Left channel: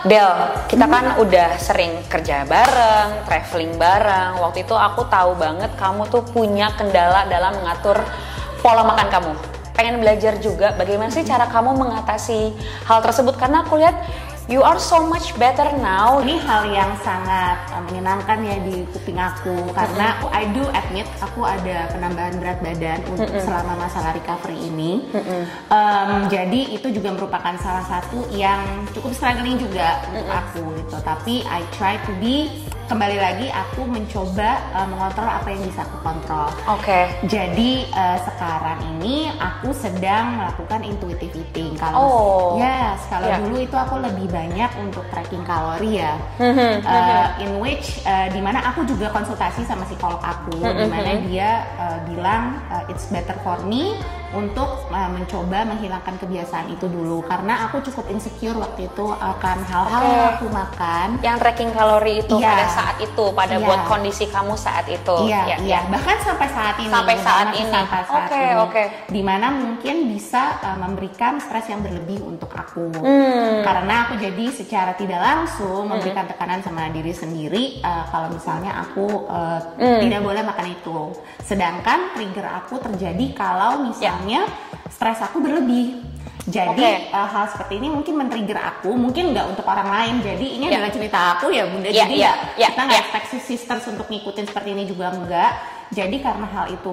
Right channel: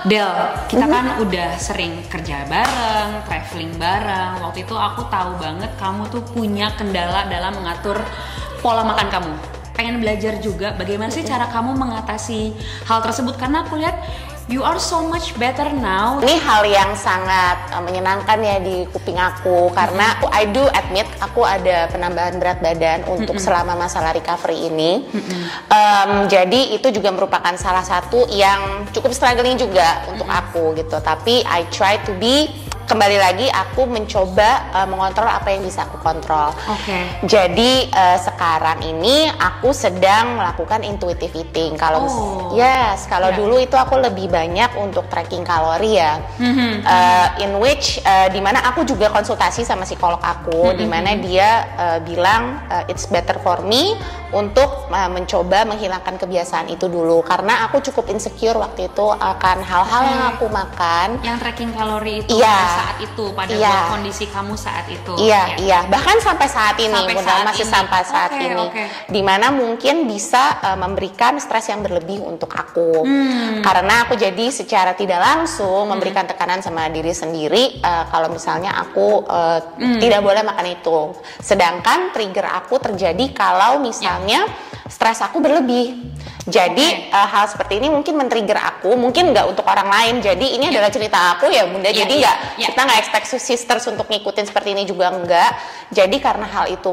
Del, kita kan udah sering kerja bareng, traveling bareng. Waktu itu aku tahu banget kamu tuh punya kendala dalam mengatur pola makan kamu. Pengen belajar juga bagaimana sih cara kamu mengatasi hal tersebut, karena aku lihat you are so much better now. Ini hal yang sangat menyenangkan ya di kuping aku, karena I do admit aku ada penambahan berat badan untuk selama masalah recovery ini. Jadi itu juga merupakan salah satu yang cukup struggling juga untuk aku gitu. Tapi I try to be, kembali lagi aku mencoba mengontrol apa yang bisa aku kontrol. Jadi sekarang ini aku sedang melakukan intuitive eating. Kalau dulu itu aku lebih banyak untuk tracking kalori ya. In which dimana aku juga konsultasi sama psikolog aku, dimana dia bilang it's better for me untuk mencoba menghilangkan kebiasaan itu dulu, karena aku cukup insecure waktu itu akan hal-hal yang aku makan. Yang tracking kalori itu pada saat itu, pada kondisi kamu saat itu. Bahkan sampai saat ini, sampai saat ini. Dimana mungkin bisa memberikan stres yang berlebih untuk aku, karena aku jadi secara tidak langsung memberikan tekanan sama diri sendiri kalau misalnya aku tidak boleh makan itu. Sedangkan trigger aku terjadi kalau misalnya stres aku berlebih. Jadi hal seperti ini mungkin men-trigger aku, mungkin nggak untuk orang lain. Jadi ini adalah cerita aku ya Bunda. Jadi kita nggak expect sisters untuk ngikutin seperti ini juga enggak. Jadi karena hal itu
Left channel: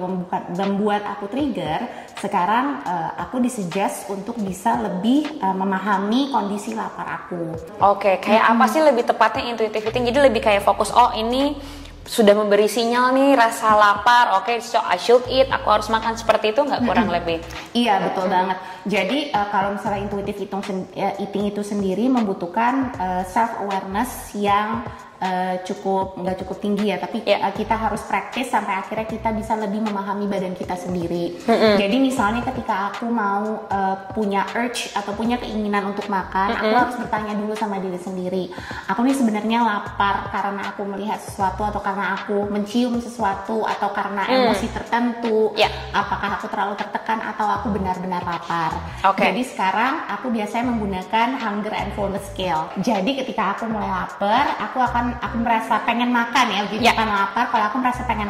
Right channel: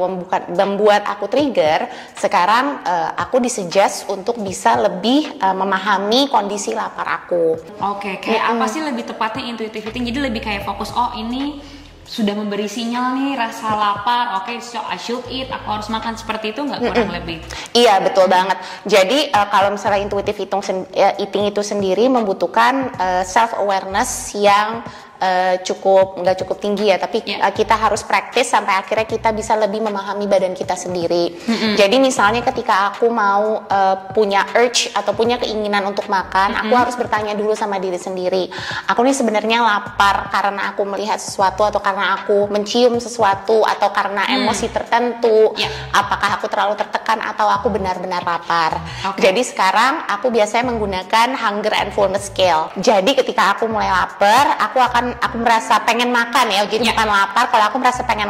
membuat aku trigger, sekarang aku disuggest untuk bisa lebih memahami kondisi lapar aku. Kayak apa sih lebih tepatnya intuitive eating? Jadi lebih kayak fokus, oh ini sudah memberi sinyal nih rasa lapar, so I should eat, aku harus makan, seperti itu nggak kurang lebih? Iya betul banget. Jadi kalau misalnya intuitive eating itu sendiri membutuhkan self awareness yang nggak cukup tinggi ya, tapi kita harus praktis sampai akhirnya kita bisa lebih memahami badan kita sendiri. Jadi misalnya ketika aku mau punya urge atau punya keinginan untuk makan, aku harus bertanya dulu sama diri sendiri, aku nih sebenarnya lapar karena aku melihat sesuatu, atau karena aku mencium sesuatu, atau karena emosi tertentu, apakah aku terlalu tertekan atau aku benar-benar lapar. Jadi sekarang aku biasanya menggunakan hunger and fullness scale. Jadi ketika aku mulai lapar, aku merasa pengen makan ya, jadi bukan lapar. Kalau aku merasa pengen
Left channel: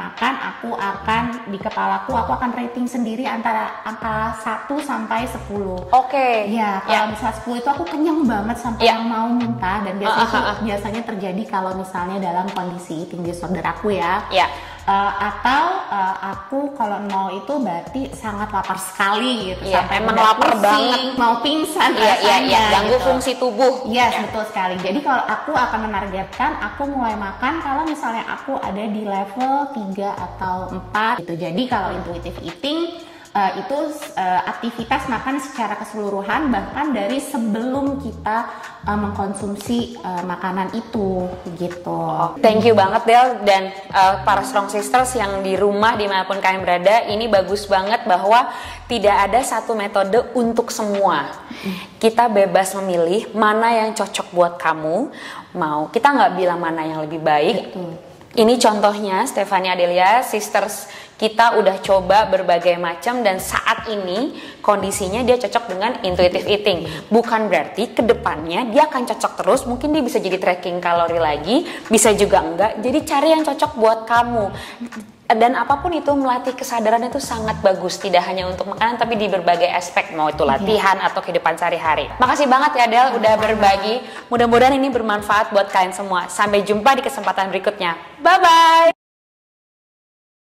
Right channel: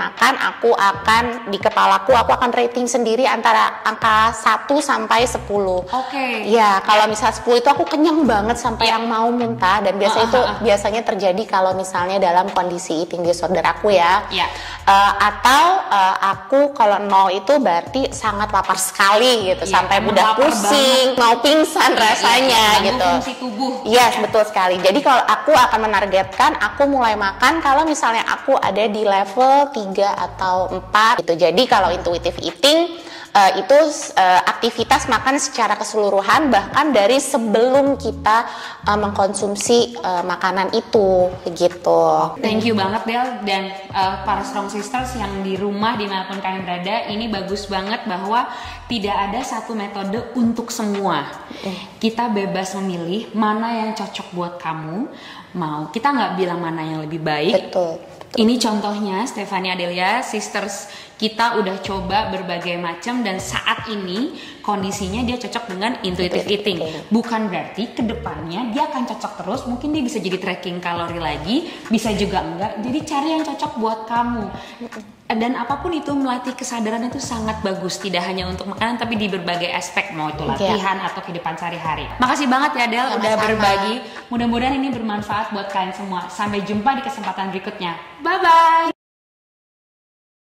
makan, aku akan di kepalaku aku akan rating sendiri antara angka 1 sampai 10. Ya, kalau misal 10 itu aku kenyang banget sampai yang mau muntah, dan biasanya terjadi kalau misalnya dalam kondisi eating disorder aku ya. Atau aku kalau 0 itu berarti sangat lapar sekali gitu, sampai mudah pusing, mau pingsan rasanya gitu. Fungsi tubuh. Betul sekali. Jadi kalau aku akan menargetkan aku mulai makan kalau misalnya aku ada di level 3 atau 4 gitu. Jadi kalau intuitive eating itu aktivitas makan secara keseluruhan, bahkan dari sebelum kita mengkonsumsi makanan itu gitu. Thank you banget Del, dan para strong sisters yang di rumah dimanapun kalian berada, ini bagus banget bahwa tidak ada satu metode untuk semua. Kita bebas memilih mana yang cocok buat kamu. Kita nggak bilang mana yang lebih baik. Betul. Ini contohnya Stephanie Adelia, sisters kita udah coba berbagai macam, dan saat ini kondisinya dia cocok dengan intuitive eating. Bukan berarti kedepannya dia akan cocok terus, mungkin dia bisa jadi tracking kalori lagi, bisa juga enggak. Jadi cari yang cocok buat kamu. Dan apapun itu, melatih kesadaran itu sangat bagus, tidak hanya untuk makanan tapi di berbagai aspek, mau itu latihan atau kehidupan sehari-hari. Makasih banget ya Del udah berbagi. Mudah-mudahan ini bermanfaat buat kalian semua. Sampai jumpa di kesempatan berikutnya. Bye bye.